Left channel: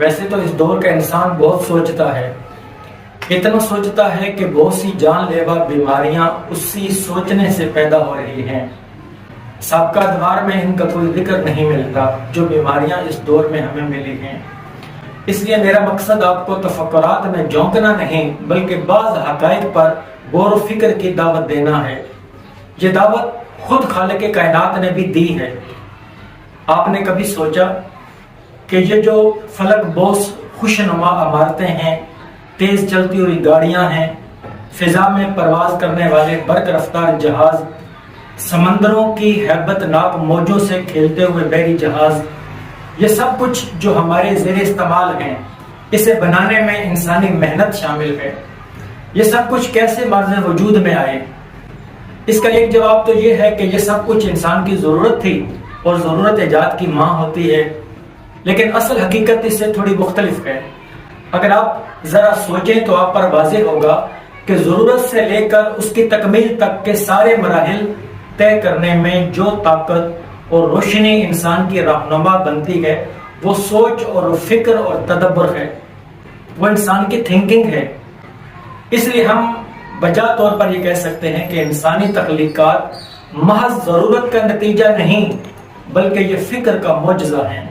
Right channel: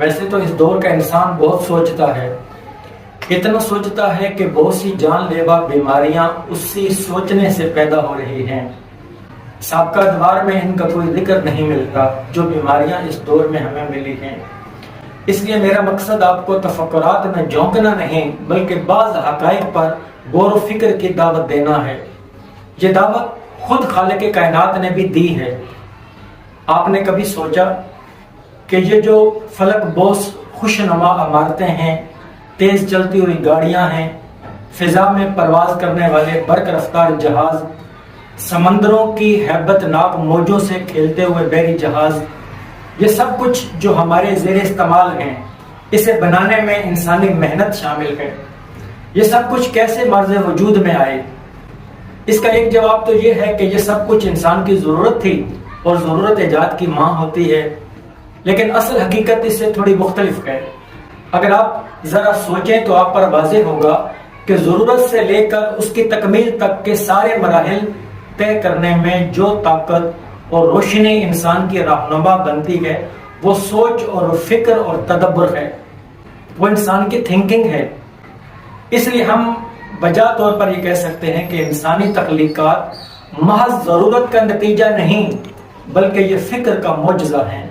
ویسے تو اس دور کا انسان بہت سوچتا ہے، اتنا سوچتا ہے کہ بہت سی جان لیوا بیماریاں اسی سوچنے سے پیدا ہو رہی ہیں۔ سابقہ ادوار میں ان کا کوئی ذکر نہیں ملتا جو بیماریاں اس دور میں ہمیں ملی ہیں۔ اس لیے میرا مقصد آپ کو تفکرات میں جھونکنا نہیں بلکہ بعض حقائق پر غور و فکر کی دعوت دینا ہے۔ یہ دعوت خود خالق کائنات نے بھی دی ہے۔ آپ نے کبھی سوچا کہ یہ جو فلک بوس خوشنما عمارتیں ہیں، تیز چلتی ہوئی گاڑیاں ہیں، فضا میں پرواز کرنے والے برق رفتار جہاز، سمندروں کی ہیبت ناک موجوں سے کھیلتے ہوئے بحری جہاز، یہ سب کچھ جو ہمارے زیر استعمال ہیں، اسے بنانے میں انسانی محنت شامل ہے۔ یہ سب کچھ کیسے مارز وجود میں آئے؟ اس کا ایک جواب تو یہ ہے کہ یہ سب کچھ انسان کی ضرورت تھی اور ضرورت ایجاد کی ماں ہوتی ہے، لیکن اصل حقیقت اس سے تھوڑی مختلف ہے۔ اگر آپ ذرا سوچیں تو آپ پر واضح ہوگا کہ ضرورت سے لے کر اس کی تکمیل تک کے سارے مراحل طے کرنے میں جو طاقت اور روشنی انسان کی رہنما بنتی ہے وہ سوچ اور فکر اور تدبر ہے، وہ انسان کی تھنکنگ ہے۔ اس لیے ہم بجا طور پر یہ کہہ سکتے ہیں کہ انسانی تخلیقات محض ضرورت کا نتیجہ نہیں بلکہ یہ فکر کا معجزہ ہیں۔